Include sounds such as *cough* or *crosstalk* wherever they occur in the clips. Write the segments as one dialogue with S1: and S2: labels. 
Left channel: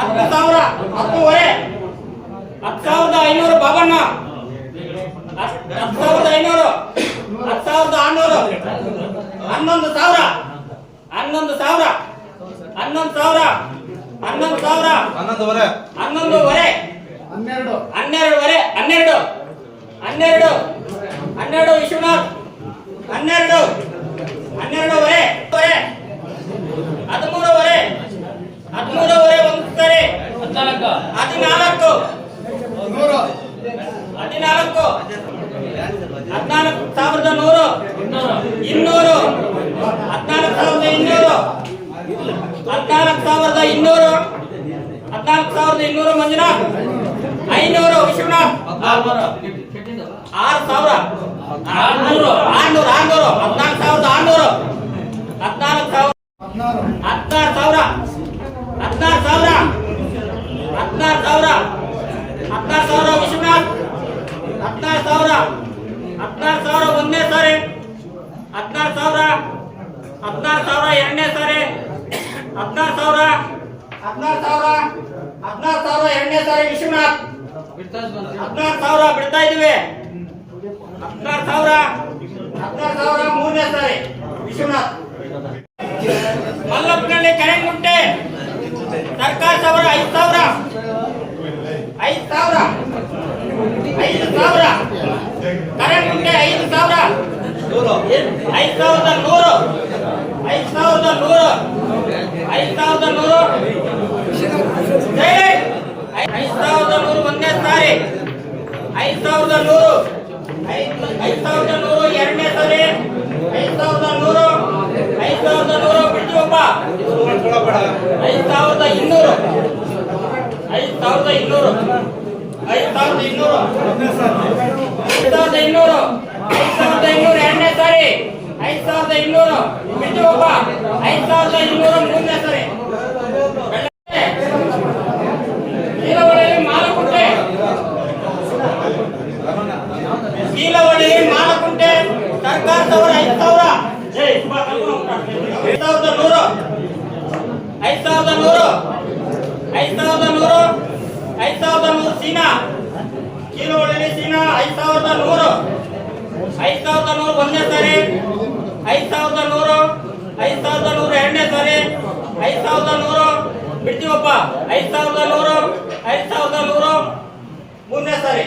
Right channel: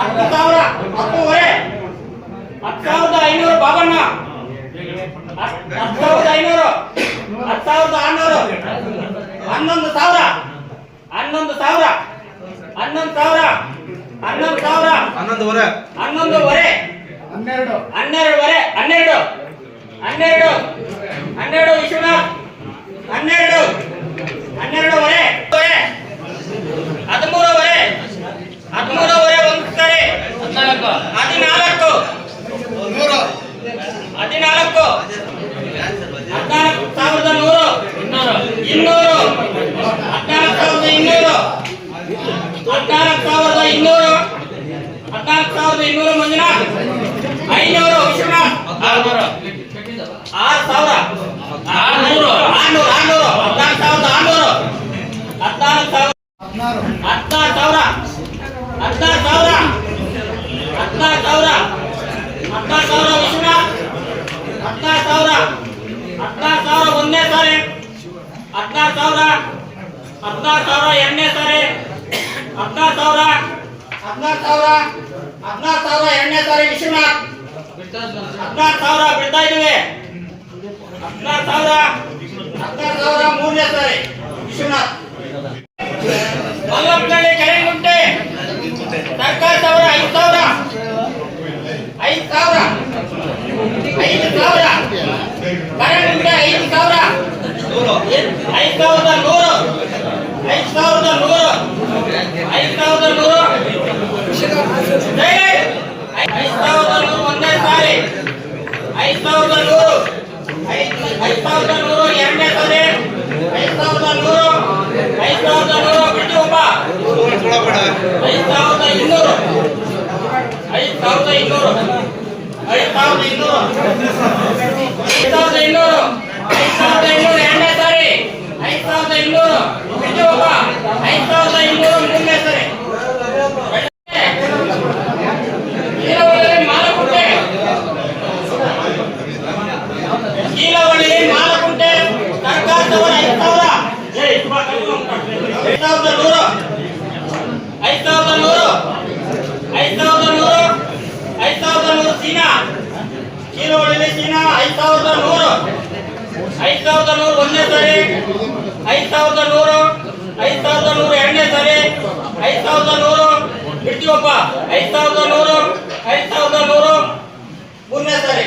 S1: ಹತ್ತು ಸಾವಿರ ಹತ್ತುವರೆ ಹತ್ತು ಸಾವಿರದ ಐನೂರು ಬಾಬಣ್ಣ. ಹತ್ತು ಸಾವಿರದ ಐನೂರು. ಹತ್ತು ಸಾವಿರದ ಆರ್ನೂರು. ಹನ್ನೊಂದು ಸಾವಿರ. ಹನ್ನೊಂದು ಸಾವಿರ. ಹನ್ನೊಂದು ಸಾವಿರ. ಹನ್ನೊಂದು ಸಾವಿರ.
S2: ಹನ್ನೊಂದುವರೆ
S1: ಹನ್ನೊಂದುವರೆ
S3: ಹನ್ನೆರಡು.
S1: ಹನ್ನೆರಡುವರೆ ಹನ್ನೆರಡು. ಹನ್ನೆರಡು. ಹನ್ನೆರಡು ವಿಶ್ವನಾಥ್. ಹನ್ನೆರಡು. ಹನ್ನೆರಡುವರೆ ವರೆ. ಹದಿಮೂರುವರೆ ಹದಿಮೂರುವರೆ ಒಂದು ಸರಿ ಹದಿನಾಲ್ಕು
S3: ನೂರು
S1: ಹದಿನಾಲ್ಕು ಹದಿನಾಲ್ಕು ಸಾವಿರದ ನೂರು ಇನ್ನೂರು ಹದಿನಾಲ್ಕು ಸಾವಿರದ ಇನ್ನೂರು ಹದಿನಾಲ್ಕು ಸಾವಿರದ ಇನ್ನೂರು ಹದಿನಾಲ್ಕು ಸಾವಿರದ ಇನ್ನೂರು ಮಂಜುನಾಥ್ ಐನೂರು ವಿಶ್ವನಾಥ್ ಆರು ಸಾವಿರ ಆರ್ನೂರು ಆರ್ನೂರು ಆರ್ನೂರು ಹದಿನಾಲ್ಕು ಸಾವಿರದ ಆರ್ನೂರು ಹದಿನಾಲ್ಕು ಸಾವಿರ
S3: ಹದಿನಾರು
S1: ಹದಿನಾರು ಸಾವಿರ ಹದಿನಾರು ಸಾವಿರ ಹದಿನಾರು ಸಾವಿರ ಹದಿನಾರು ಸಾವಿರ ವಿಶ್ವನಾಥ್ ಹದಿನಾರು ಸಾವಿರ ಹದಿನಾರು ಸಾವಿರ ಒಂದನೇ ಸಾರಿ ಹದಿನಾರು ಸಾವಿರ ಹದಿನಾರು ಸಾವಿರ ಎರಡನೇ ಸಾರಿ ಹದಿನಾರು ಸಾವಿರ ಹದಿನಾರು ಸಾವಿರ ಹದಿನಾರು ಸಾವಿರ ಎರಡನೇ ಸಾರಿ ವಿಶ್ವನಾಥ್. ಹದಿನಾರು ಸಾವಿರ ಬಿಡ್ತಾ ಇದೀವಿ ಹದಿನಾರು ಸಾವಿರ ಹದಿನಾರು ಸಾವಿರ ಮೂರನೇ ಸಾರಿ, ವಿಶ್ವನಾಥ್. ಮಲ್ಲಪ್ಪನಹಳ್ಳಿ ಕೆರೆಗುಂಟೆ ಸರ್ಕಾರ ಸಾವಿರ ಐದು ಸಾವಿರ ಐದು ಸಾವಿರ ಐದು ಸಾವಿರ ಕರೆಂಟ್ ಐದು ಸಾವಿರ ಐದು ಸಾವಿರದ ನೂರು ಐದು ಸಾವಿರದ ನೂರು ಐದು ಸಾವಿರದ ನೂರು ಐದು ಸಾವಿರದ ನೂರು ಒಂದೇ ಸಾರಿ ಐದು ಸಾವಿರದ ನೂರು ಐದು ಐದು ಸಾವಿರದ ನೂರು ಎರಡನೇ ಸಾರಿ ಐದು ಸಾವಿರದ ನೂರು ಐದು ಸಾವಿರದ ನೂರು ಐದು ಸಾವಿರದ ಇನ್ನೂರು. ಐದು ಸಾವಿರದ ಇನ್ನೂರು. ಐದು ಸಾವಿರದ ಐದು ಸಾವಿರದ ಐದು ಸಾವಿರದ ಐದು ಸಾವಿರದ ಇನ್ನೂರು ಮೂರನೇ ಮಾಲಕುಂಟೆ ಕೀಲವಳ್ಳಿ ಮಾಲಕುಂಟೆ ಸರ್ಕಾರ ಐದು ಸಾವಿರ. ಐದು ಸಾವಿರದ ನೂರು ಐದು ಸಾವಿರದ ನೂರು ಐದು ಸಾವಿರದ ನೂರು ಐದು ಸಾವಿರದ ನೂರು ಸೀನಾ ಐದು ಸಾವಿರದ ನೂರು ಸಾವಿರದ ನೂರು ಒಂದನೇ ಸಾರಿ ಐದು ಸಾವಿರದ ನೂರು ಸಾವಿರದ ಎರಡನೇ ಸಾರಿ ಐದು ಸಾವಿರದ ನೂರು ಬಿಡ್ತೀವಪ್ಪ ಐದು ಸಾವಿರದ ನೂರು ಐದು ಸಾವಿರದ ನೂರು ಮೂರನೇ ಸಾರಿ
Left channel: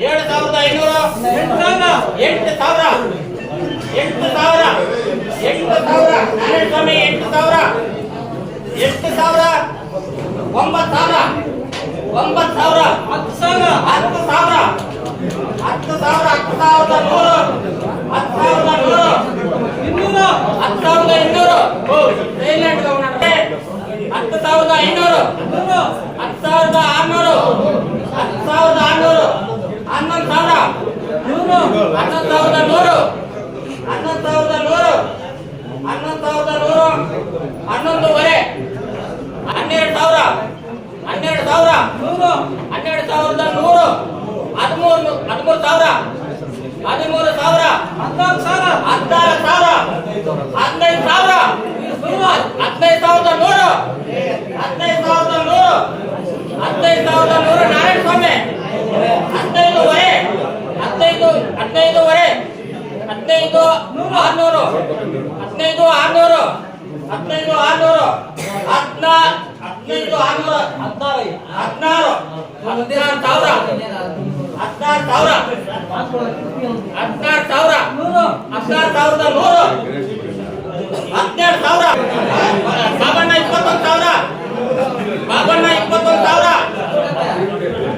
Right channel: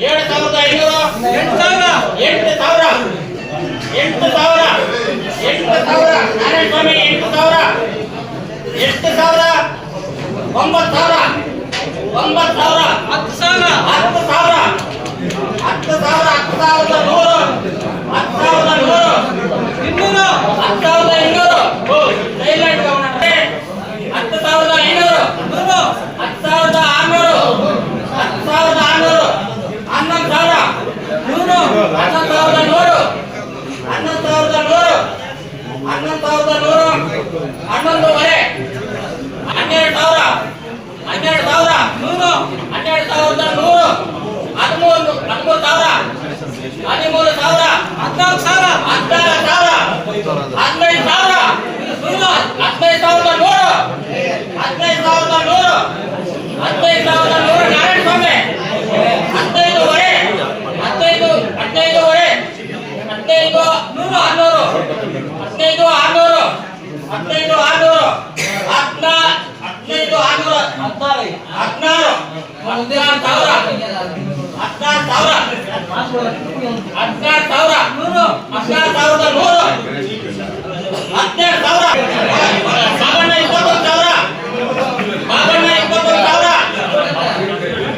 S1: ಏಳು ಸಾವಿರದ ಐನೂರು. ಎಂಟು ಸಾವಿರ. ಎಂಟು ಸಾವಿರ. ಎಂಟು ಸಾವಿರ. ಎಂಟು ಸಾವಿರ ಎಂಟು ಸಾವಿರ. ಎಂಟು ಸಾವಿರ. ಒಂಬತ್ತು ಸಾವಿರ. ಒಂಬತ್ತು ಸಾವಿರ ಹತ್ತು ಸಾವಿರ. ಹತ್ತು ಸಾವಿರ. ಹತ್ತು ಸಾವಿರ ಹತ್ತು ಸಾವಿರದ ನೂರು ಹದಿನೈದುವರೆ. ಹದಿನೈದು ಆರ್ನೂರು. ಹದಿನೈದು ಆರ್ನೂರು. ಹದಿನೈದು ಆರ್ನೂರು. ಹದಿನಾ ಹದಿನೈದು ಆರ್ನೂರ. ಹದಿನಾರು. ಹದಿನಾರು ಹದಿನಾರು ಸಾವಿರ. ಹದಿನಾರು ಸಾವಿರ. ಹದಿನಾರು ಸಾವಿರ. ನೂರು. ಹದಿನಾರು ಸಾವಿರದ ನೂರು. ಹದಿನೆಂಟು ಸಾವಿರ. ಬಾಬಣ್ಣ ಇಪ್ಪತ್ತೊಂದು ಸಾವಿರ. ಬಾಬಣ್ಣ ಇಪ್ಪತ್ತೊಂದು ಸಾವಿರ.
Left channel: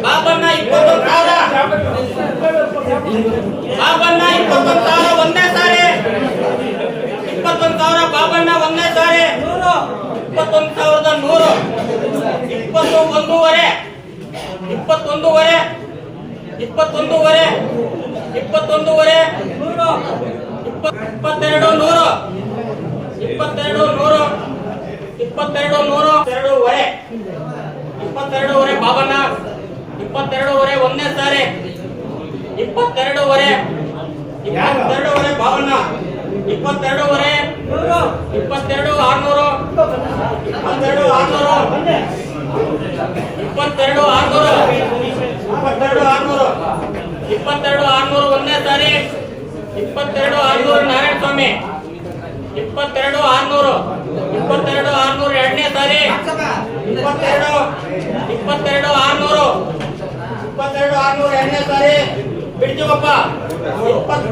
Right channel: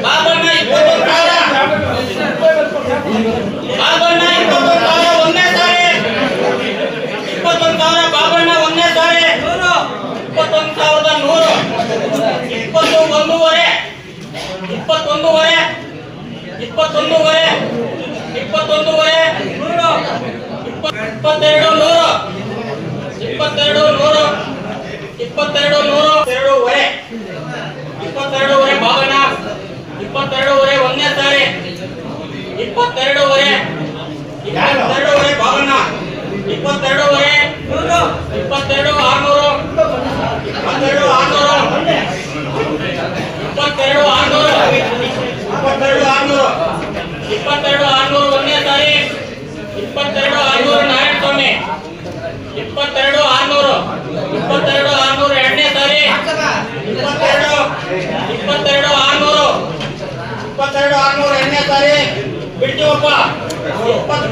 S1: ಬಾಬಣ್ಣ ಇಪ್ಪತ್ತೊಂದು ಸಾವಿರ. ಬಾಬಣ್ಣ, ಇಪ್ಪತ್ತೊಂದು ಸಾವಿರ ಒಂದೇ ಸಾರಿ. ಇಪ್ಪತ್ತೊಂದು ಸಾವಿರ ಬಾಬಣ್ಣ ಒಂದೇ ಸಾರಿ. ಇಪ್ಪತ್ತೊಂದು ಸಾವಿರದ ನೂರು. ಇಪ್ಪತ್ತು ಒಂದೂವರೆ. ಇಪ್ಪತ್ತೊಂದೂವರೆ. ಇಪ್ಪತ್ತೊಂದೂವರೆ. ಇಪ್ಪತ್ತೊಂದೂವರೆ. ಇಪ್ಪತ್ತೆರಡು ನೂರು. ಇಪ್ಪತ್ತೆರಡು ನೂರು. ಇಪ್ಪತ್ತೆರಡು ನೂರು. ಎರಡೂವರೆ ಇಪ್ಪತ್ತೆರಡೂವರೆ ಬಾಬಣ್ಣ. ಇಪ್ಪತ್ತೆರಡೂವರೆ ಒಂದನೇ ಸಾರಿ ಇಪ್ಪತ್ತೆರಡೂವರೆ ಇಪ್ಪತ್ತೆರಡೂವರೆ ಬಾಬಣ್ಣ. ಇಪ್ಪತ್ತೆರಡೂವರೆ. ಇಪ್ಪತ್ತೆರಡು ಆರ್ನೂರು. ಇಪ್ಪತ್ತೆರಡು ಆರ್ನೂರು. ಇಪ್ಪತ್ತೆರಡು ಆರ್ನೂರು. ಇಪ್ಪತ್ತೆರಡು ಆರ್ನೂರು. ಇಪ್ಪತ್ತೆರಡು ಆರ್ನೂರು ಒಂದನೇ ಸಾರಿ. ಇಪ್ಪತ್ತೆರಡು ಆರ್ನೂರು ನಾರಾಯಣ ಸ್ವಾಮಿ ಇಪ್ಪತ್ತೆರಡು ಆರ್ನೂರು. ಇಪ್ಪತ್ತೆರಡು ಆರ್ನೂರು ಎರಡನೇ ಸಾರಿ. ಇಪ್ಪತ್ತೆರಡು. ಇಪ್ಪತ್ತೆರಡು ಆರ್ನೂರು. ಇಪ್ಪತ್ತೆರಡು ಆರ್ನೂರು ಎರಡನೇ ಸಾರಿ. ಇಪ್ಪತ್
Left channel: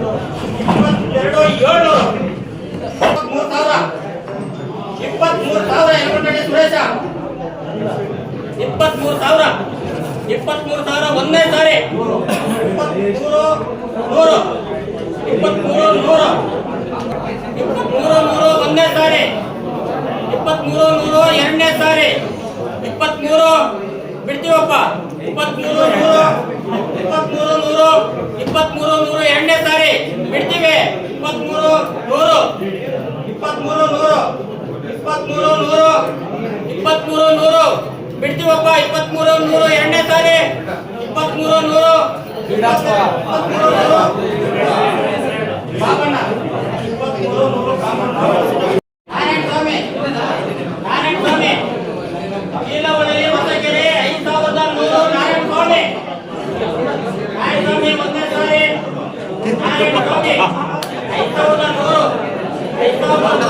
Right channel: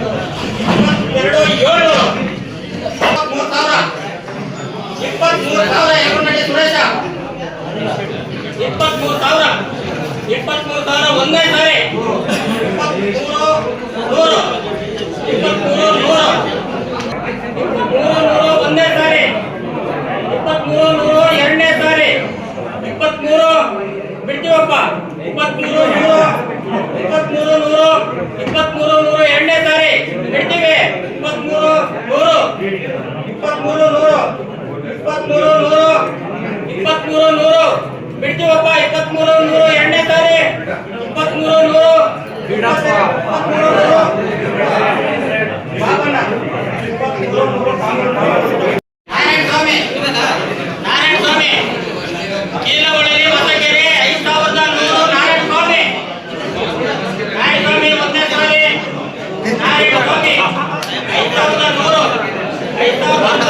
S1: ಇಪ್ಪತ್ತೆರಡು, ಏಳು. ಇಪ್ಪತ್ಮೂರು ಸಾವಿರ. ಇಪ್ಪತ್ಮೂರು ಸಾವಿರ ಯಮನಹಳ್ಳಿ ಸುರೇಶ. ಇಪ್ಪತ್ಮೂರು ಸಾವಿರ. ಇಪ್ಪತ್ಮೂರು ಸಾವಿರ ಒಂದೇ ಸಾರಿ. ಇಪ್ಪತ್ಮೂರು ನೂರು. ಇಪ್ಪತ್ಮೂರು ನೂರು. ಇಪ್ಪತ್ಮೂರು ನೂರು ಒಂದೇ ಸಾರಿ. ಇಪ್ಪತ್ಮೂರು ನೂರು ಎರಡನೇ ಸಾರಿ. ಇಪ್ಪತ್ಮೂರು ಬಿಡ್ತೀವಪ್ಪ. ಇಪ್ಪತ್ಮೂರು ನೂರು. ಇಪ್ಪತ್ಮೂರು ನೂರು ಇಪ್ಪತ್ಮೂರು ನೂರು ಎರಡನೇ ಸಾರಿ ಬಿಡ್ತೀವಿ ಇಪ್ಪತ್ಮೂರು ನೂರು ಇಪ್ಪತ್ಮೂರು ನೂರು ಇಪ್ಪತ್ಮೂರು ನೂರು ಇಪ್ಪತ್ಮೂರು ನೂರು. ಬಿಡ್ತೀವಪ್ಪ ಇಪ್ಪತ್ಮೂರು ನೂರು ಎರಡನೇ ಸಾರಿ. ಇಪ್ಪತ್ಮೂರು ನೂರು. ಇಪ್ಪತ್ಮೂರು ನೂರು. ಬಾಬಣ್ಣ, ಇಪ್ಪತ್ಮೂರು ನೂರು 감사합니다. *laughs*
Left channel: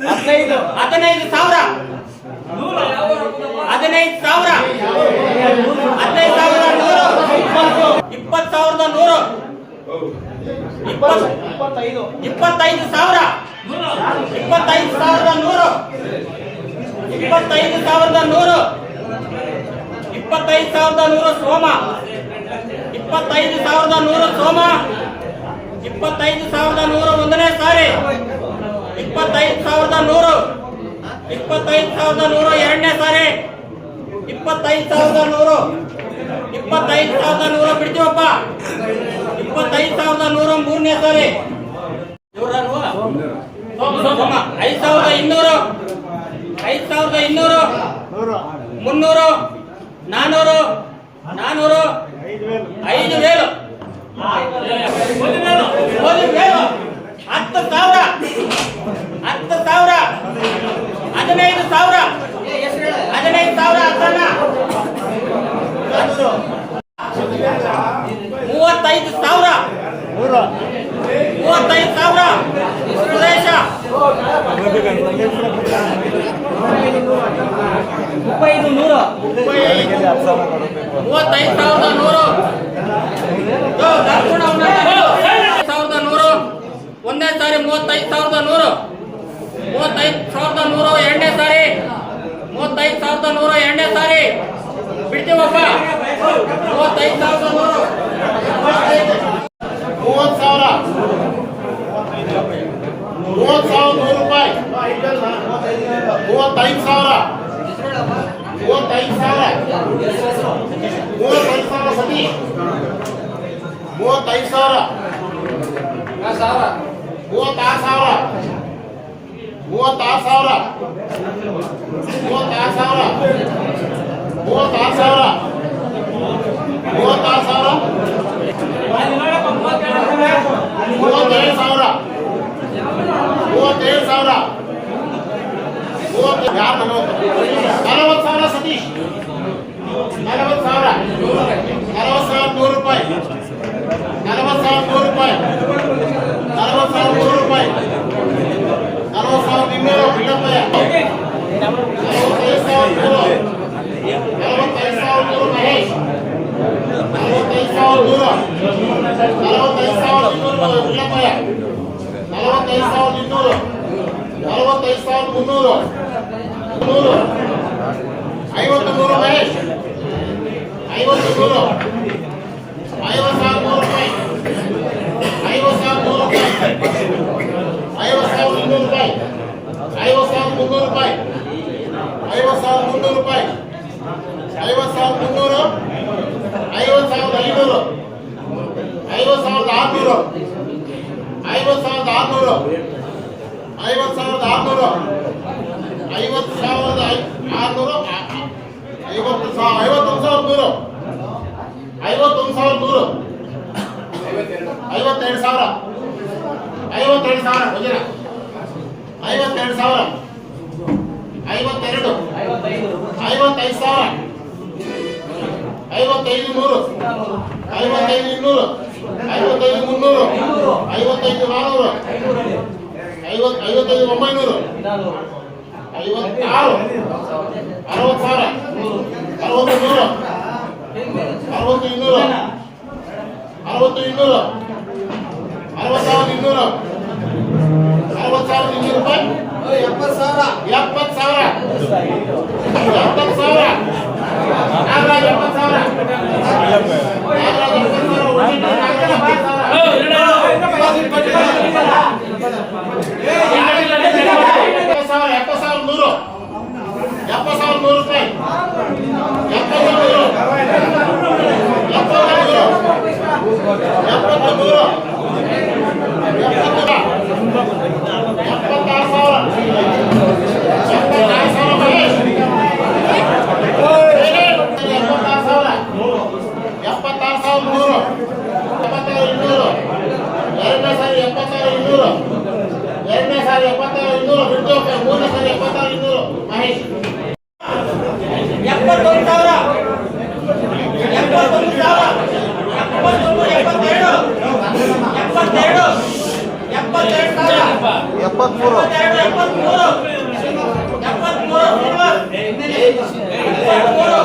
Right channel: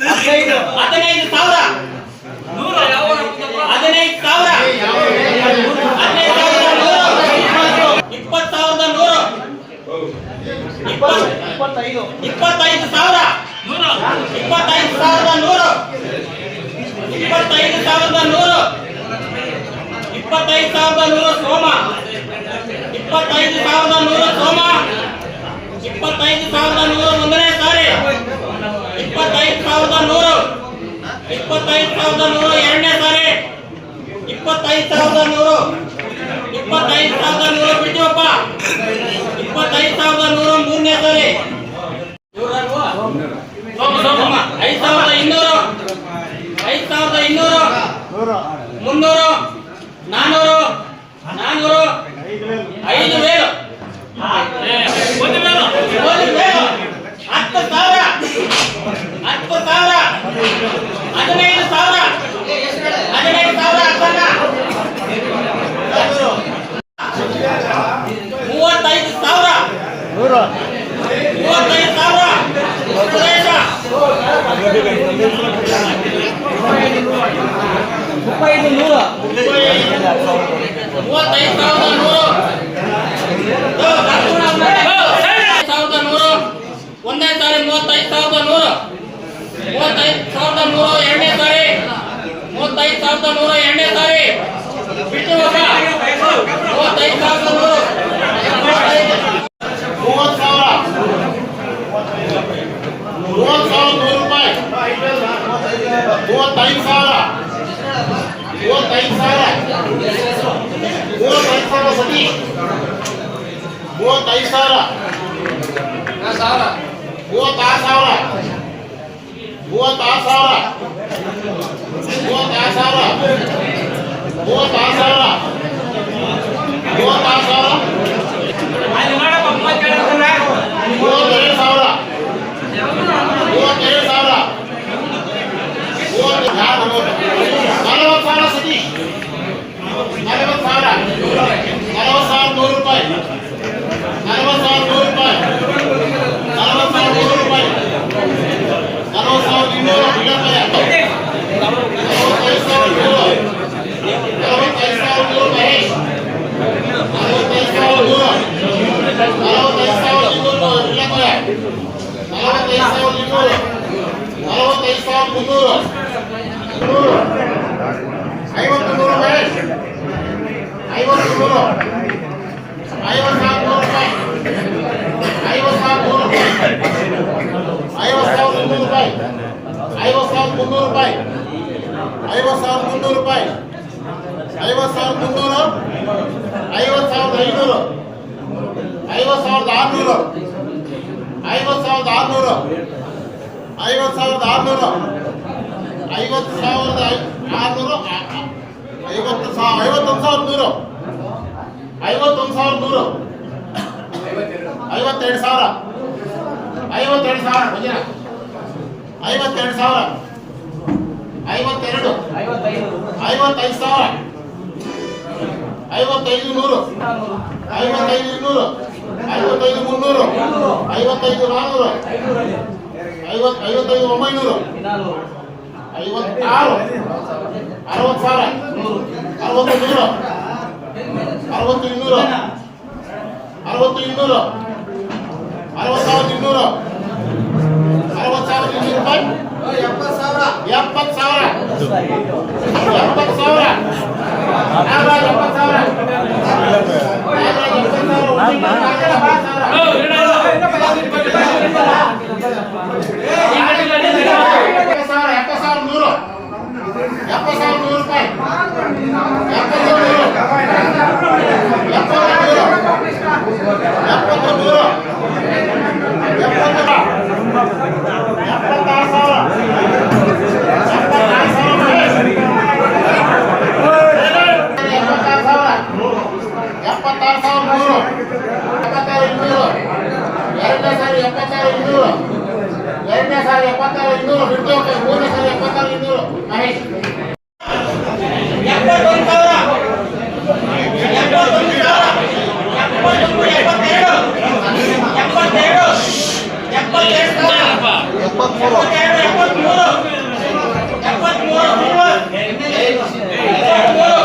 S1: ಹದಿನೈದು ಸಾವಿರ. ಹದಿನೈದು ಸಾವಿರ. ಹದಿನೈದು ಸಾವಿರದ ನೂರು. ಇಪ್ಪತ್ತು ಸಾವಿರದ ನೂರು. ಇಪ್ಪತ್ತು ಇಪ್ಪತ್ತೈದು ಸಾವಿರ. ಇಪ್ಪತ್ತೈದು ಸಾವಿರದ ನೂರು. ಇಪ್ಪತ್ತೈದು ಸಾವಿರದ ನೂರು. ಇಪ್ಪತ್ತೈದು ಸಾವಿರದ ನೂರು ಸೋಮ. ಇಪ್ಪತ್ತೈದು ಸಾವಿರದ ನೂರು ಸೋಮ. ಇಪ್ಪತ್ತೈದು ಸಾವಿರದ ನೂರು ಒಂದನೇ ಸಾರಿ. ಇಪ್ಪತ್ತೈದು ಸಾವಿರದ ನೂರು. ಇಪ್ಪತ್ತೈದು ಸಾವಿರದ ನೂರು ಎರಡನೇ ಸಾರಿ. ಇಪ್ಪತ್ತೈದು ಸಾವಿರದ ನೂರು. ಇಪ್ಪತ್ತೈದು ಸಾವಿರದ ನೂರು ಬಿಡ್ತೀವಪ್ಪ ಇಪ್ಪತ್ತೈದು ಸಾವಿರದ ನೂರು ಮೂರನೇ ಸಾರಿ. ಐದು ಸಾವಿರದ ಇನ್ನೂರು. ಐದು ಸಾವಿರದ ಇನ್ನೂರು. ಮುನ್ನೂರು. ನಾನೂರು. ನಾನೂರು. ಐದು ವೇಳು ಒಂದು ವೇಲು. ಒಂದು ವೇಲು. ಹತ್ತು ಸಾವಿರ. ಹತ್ತು ಸಾವಿರ. ಹದಿನೈದು ಸಾವಿರ. ಹದಿನೈದು ಸಾವಿರ ಹತ್ತನ್ನ ಮೂವತ್ತೈದು ಸಾವಿರ. ಮೂವತ್ತೈದು ಸಾವಿರ. ಸುರೇಶ. ಮೂವತ್ತೈದು ಸಾವಿರದ ನೂರು. ಅವ್ನ. ಸಾವಿರದ ನೂರು ಒಂದೇ ಸಾರಿ ಮೂವತ್ತೈದು ಸಾವಿರದ ನೂರು. ಮೂವತ್ತೈದು ಸಾವಿರದ ನೂರ ಎರಡನೇ ಸಾರಿ. ಮೂವತ್ತೈದು ಸಾವಿರದ ನೂರ ಎರಡನೇ ಸಾರಿ. ಬಿಡ್ತೀವಪ್ಪ ಮೂವತ್ತೈದು ಸಾವಿರದ ನೂರು.
S3: ಮೂವತ್ತು ಸಾವಿರ. ಮೂವತ್ತು ಸಾವಿರ ನೂರು ರೂಪಾಯಿ. ಮೂವತ್ತೈದು ಸಾವಿರ. ಮೂವತ್ತೈದು ಸಾವಿರ. ಮೂವತ್ತೈದು ಸಾವಿರ ಸತೀಶ್ ಮೂವತ್ತೈದು ಸಾವಿರ. ಮೂವತ್ತಾರು ಸಾವಿರ ಮೂವತ್ತಾರು ಸಾವಿರ ಮೂವತ್ತಾರು ಸಾವಿರ ಮೂವತ್ತಾರು ಸಾವಿರ ಮೂವತ್ತಾರು ಸಾವಿರ ಮೂವತ್ತೇಳು ಸಾವಿರ ಮೂವತ್ತೇಳು ಸಾವಿರ ನಲವತ್ತು ಸಾವಿರ ಸತೀಶ್ ನಲವತ್ತು ಸಾವಿರ ನಲವತ್ತು ಸಾವಿರದ ನೂರು ರೂಪಾಯಿ ನಲವತ್ತು ಸಾವಿರದ ನೂರು ರೂಪಾಯಿ ನಲವತ್ತು ಸಾವಿರ ನೂರು ರೂಪಾಯಿ ನಲವತ್ತು ಸಾವಿರದ ಇನ್ನೂರು ಇಲ್ಲಪ್ಪಯ್ಯ ನಲವತ್ತೈದು ಸಾವಿರ ನೂರು ನಲವತ್ತೈದು ಸಾವಿರ ನೂರು ಮಹೇಶ್ ನಲವತ್ತೈದು ಸಾವಿರ ನೂರು ನಲವತ್ತೈದು ಸಾವಿರದ ಇನ್ನೂರು ಇಲ್ಲಪ್ಪಯ್ಯ ನಲವತ್ತೈದು ಸಾವಿರದ ಇನ್ನೂರು ಮುನ್ನೂರು. ನೂರು ಐವತ್ತು ನೂರು ಮಹೇಶ್. ಐವತ್ತು ನೂರು. ಐವತ್ತು ನೂರು ರೂಪಾಯಿ. ಐವತ್ತು ನೂರು ರೂಪಾಯಿ. ಐವತ್ತು ಸಾವಿರದ ಮುನ್ನೂರು ರೂಪಾಯಿ. ಐವತ್ತು ಸಾವಿರದ ಮುನ್ನೂರು ರೂಪಾಯಿ. ಐವತ್ತು ಸಾವಿರದ ಮುನ್ನೂರು ರೂಪಾಯಿ. ಐವತ್ತು ಸಾವಿರದ ಮುನ್ನೂರು ಐವತ್ತು ಸಾವಿರದ ಐನೂರು ಐವತ್ತು ಸಾವಿರದ ಆರುನೂರು ಐವತ್ತು ಸಾವಿರದ ಆರುನೂರು ಐವತ್ತು ಸಾವಿರದ ಆರುನೂರು ಐವತ್ತು ಸಾವಿರದ ಐ- ಆರುನೂರು ಆ- ಆ- ಐವತ್ತು ಸಾವಿರ ಐವತ್ತೊಂದು ಸಾವಿರದ ನೂರು ಐವತ್ತೊಂದು ಸಾವಿರದ ನೂರು ಐವತ್ತೆರಡು ಸಾವಿರ ಐವತ್ತೆರಡು ಸಾವಿರ ವಜ್ರ ಐವತ್ತೆರಡು ಸಾವಿರ ಐವತ್ತೆರಡು, ಐವತ್ತೈದು ಸಾವಿರ, ಐವತ್ತೈದು ನೂರು ಐವತ್ತೈದು ಇನ್ನೂರು ಐವತ್ತೈದು ಮುನ್ನೂರು, ಐವತ್ತೈದು ನಾನ್ನೂರು ಐವತ್, ಐವತ್ತೈದು ಒಂಬೈನೂರು, ಐವತ್ತಾರು, ಅರವತ್ತು ಸಾವಿರ ಅರವತ್ತು ನೂರು ಅರವತ್ತು ಇನ್ನೂರು ಅರವತ್ತು ಇನ್ನೂರು, ಅರವತ್ತಾರು ಇನ್ನೂರು ಅರವತ್ತು ಸಾವಿರದ ಇನ್ನೂರು ರೂಪಾಯಿ ಎಪ್ಪತ್ತು ಸಾವಿರ ಎಪ್ಪತ್ತು ಸಾವಿರ ಎಪ್ಪತ್ತು ಸಾವಿರ ನಾಗರಾಜ್ ಎಪ್ಪತ್ತು ಸಾವಿರ ನಾಗರಾಜ್ ಎಪ್ಪತ್ತು ಸಾವಿರ ಉಮೇಶ್ ನಾಗರಾಜ್ ಎಪ್ಪತ್ತು ಸಾವಿರ ಎಪ್ಪತ್ತು ಸಾವಿರ ಎಪ್ಪತ್ತು ಸಾವಿರ ನೂರು ಎಪ್ಪತ್ತು ಸಾವಿರ ನೂರು ರೂಪಾಯಿ ಎಪ್ಪತ್ತು ನೂರು ಎಪ್ಪತ್ತು ನೂರು ಎಪ್ಪತ್ತು ನೂರು ಎಪ್ಪತ್ತು ಎಪ್ಪತ್ತಾರು ಸಾವಿರ ಎಪ್ಪತ್ತಾರು ಸಾವಿರ ಮಹೇಶ್ ಎಪ್ಪತ್ತಾರು ಸಾವಿರ ಎಪ್ಪತ್ತಾರು ಸಾವಿರ ನೂರು ಎಪ್ಪತ್ತಾರು ಇನ್ನೂರು ಸಾರಿ ಎಪ್ಪತ್ತಾರು ಇನ್ನೂರು ಎರಡನೇ ಸಾರಿ ಎಪ್ಪತ್ತಾರು ಇನ್ನೂರು ಬಿಟ್ಟು. ಮೂರನೇ ಸಾರಿ ಎಪ್ಪತ್ತಾರು ಇನ್ನೂರು ಮಹೇಶ್
S1: ಸಾವಿರ ಎಪ್ಪತ್ತೊಂದು ಸಾವಿರ ಎಪ್ಪತ್ತೊಂದು ಎಪ್ಪತ್ತೇಳು ಎಪ್ಪತ್ತೆರಡು ಎಪ್ಪತ್ತೆರಡು ಸಾವಿರ
S2: ಎಪ್ಪತ್ಮೂರು
S1: ಎಪ್ಪತ್ತೆರಡು ಎಪ್ಪತ್ಮೂರು ಎಪ್ಪತ್ಮೂರು ಎಪ್ಪತ್ಮೂರು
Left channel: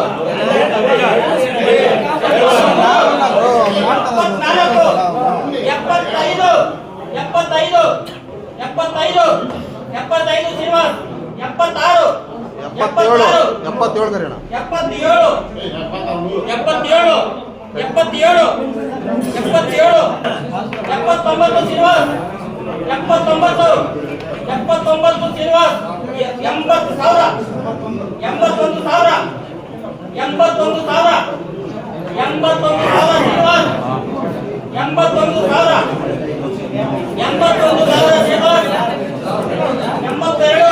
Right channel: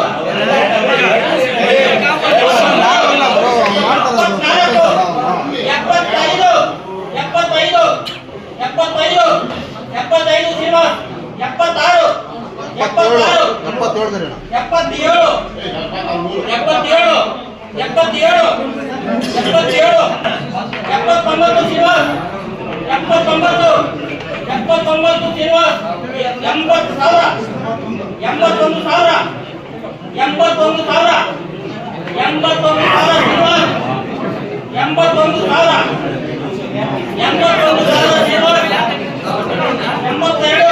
S1: ಎಪ್ಪತ್ನಾಲ್ಕು ಎಪ್ಪತ್ತೈದು ಎಪ್ಪತ್ತೈದು ಎಪ್ಪತ್ತೈದು ಎಪ್ಪತ್ತೈದು ಶ್ರೀನಿವಾಸ್ ಎಪ್ಪತ್ತಾರು
S2: ಎಪ್ಪತ್ತೇಳು ಎಪ್ಪತ್ತೇಳು
S1: ಎಪ್ಪತ್ತೇಳು ಎಪ್ಪತ್ತೇಳು ಎಪ್ಪತ್ತೇಳು ಎಪ್ಪತ್ತೇಳು ಎಪ್ಪತ್ತೊಂಬತ್ತು ಶ್ರೀನಿವಾಸ್ ಎಪ್ಪತ್ತೊಂಬತ್ತು ಎಪ್ಪತ್ತೊಂಬತ್ತು ಶ್ರೀನಿವಾಸ್ ಎಂಬತ್ತು ಸಾವಿರ ಎಂಬತ್ತೊಂದು ಸಾವಿರ ಎಂಬತ್ತೊಂದು ಸಾವಿರ ಎಂಬತ್ತೊಂದು ಸಾವಿರ ಶ್ರೀನಿವಾಸ್ ಎಂಬತ್ತೊಂದು ಸಾವಿರ ಎಂಬತ್ತೊಂದು ಸಾವಿರ ಶ್ರೀನಿವಾಸ್ ಎಂಬತ್ತೆರಡು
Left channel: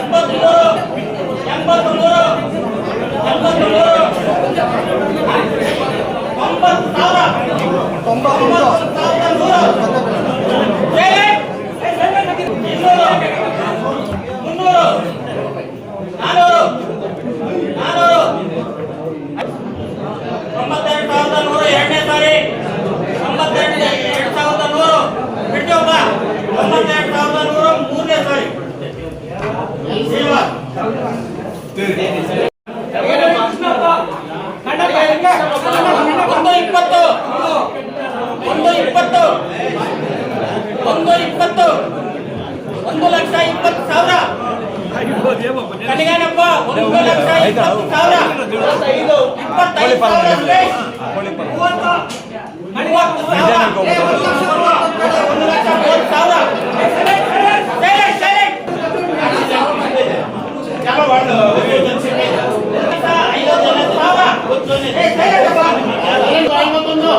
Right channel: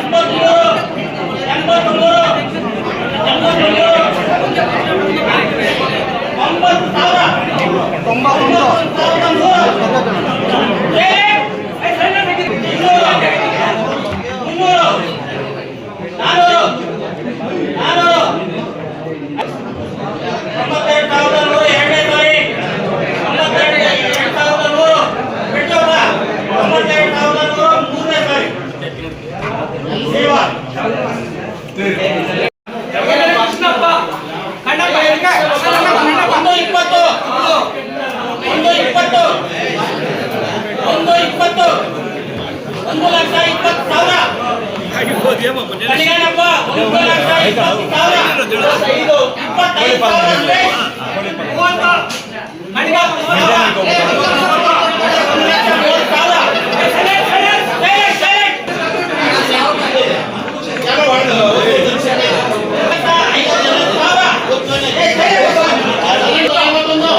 S1: ಎಂಬತ್ಮೂರು ಎಂಬತ್ಮೂರು ಎಂಬತ್ಮೂರು ಒಂಬತ್ತು ಸಾವಿರ
S2: ತೊಂಬತ್ತೊಂದು
S1: ಸಾವಿರದ ನೂರು ಇನ್ನೂರು ಮುನ್ನೂರು ನಾನೂರು ನಾನೂರು ತೊಂಬತ್ತೆರಡು ಸಾವಿರದ ನೂರು ಎರಡನೇ ಸಾರಿ ತೊಂಬತ್ತೆರಡು ಎರಡು ಸಾವಿರದ ನೂರು ಬಿಟ್ಟೊಬ್ಬ ತೊಂಬತ್ತೆರಡು ಸಾವಿರದ ನೂರು ಮೂರನೇ ಸಾರಿ ಶ್ರೀನಿವಾಸ್ ಒಂದು ಇಪ್ಪತ್ತು ಒಂದು ಇಪ್ಪತ್ತು ಒಂದು ಇಪ್ಪತ್ತು ಒಂದು ಲಕ್ಷ ಕಣಿಗಾನಪ್ಪ ಒಂದು ಲಕ್ಷ ಇಪ್ಪತ್ತು ಸಾವಿರ ಐದು ಇಪ್ಪತ್ತೈದು ಸಾವಿರ ರೂಪಾಯಿ. ಮೂವತ್ತು. ಕಣಿಗಾನಪ್ಪ ಒಂದು ಲಕ್ಷ ಮೂವತ್ತು ಸಾವಿರ ಸೈಲೆಂಟ್, ಸೈಲೆಂಟ್, ಸೈಲೆಂಟ್. ಐವತ್ತೊಂದು ಸಾವಿರ. ಏ, ಸೈಲೆಂಟ್ ಅಪ್ಪ.
S3: ಐವತ್ತೊಂದು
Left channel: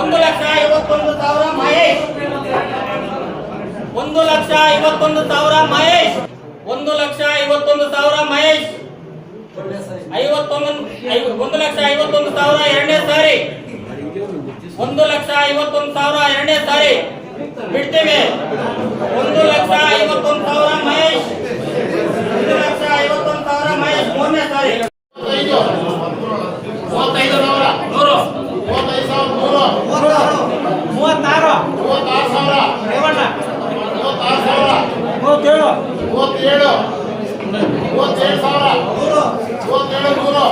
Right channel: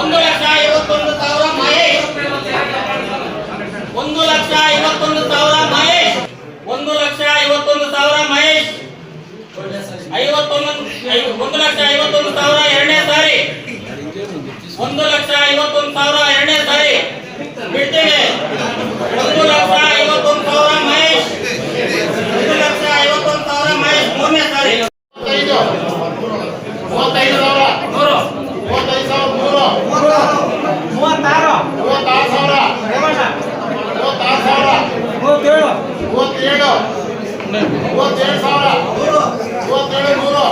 S1: ಒಂದು ಲಕ್ಷ ಐವತ್ತೊಂದು ಸಾವಿರ ಮಹೇಶ್ ಒಂದು ಲಕ್ಷ ಐವತ್ತೊಂದು ಸಾವಿರ ಮಹೇಶ್. ಒಂದು ಲಕ್ಷ ಐವತ್ತೊಂದು ಸಾವಿರ ಮಹೇಶ್. ಐವತ್ತೊಂದು ಒಂದು ಲಕ್ಷ ಐವತ್ತೊಂದು ಸಾವಿರ ಎರಡನೇ ಸಾರಿ. ಒಂದು ಲಕ್ಷ ಐವತ್ತೊಂದು ಸಾವಿರ ಎರಡನೇ ಸಾರಿ. ಬಿಡ್ತೇವೆ ಒಂದು ಲಕ್ಷ ಐವತ್ತೊಂದು ಸಾವಿರ ಮಹೇಶ್. ಒಂದು ಲಕ್ಷ ಐವತ್ತೊಂದು ಸಾವಿರ ಮಹೇಶ್ ಮೂರನೇ ಸಾರಿ. ಮೂವತ್ತೇಳು
S3: ಮೂವತ್ತೇಳು ಮೂವತ್ತೇಳು ಸಾವಿರ ಮೂವತ್ತೇಳು ನೂರು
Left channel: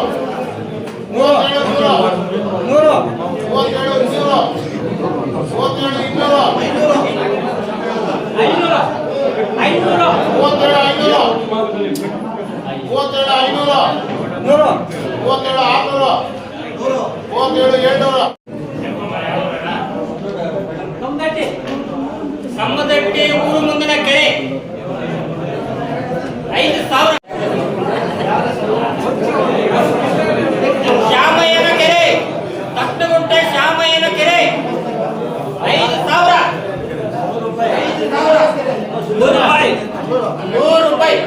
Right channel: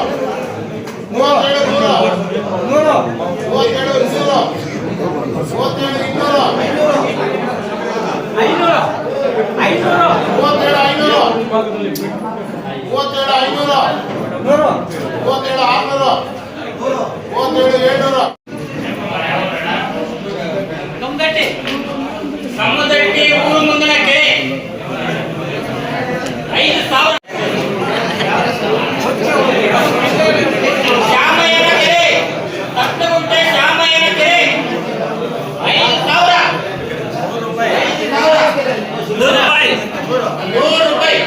S3: ಮೂವತ್ತೇಳು ನೂರು
S1: ನೂರು ರೂಪಾಯಿ.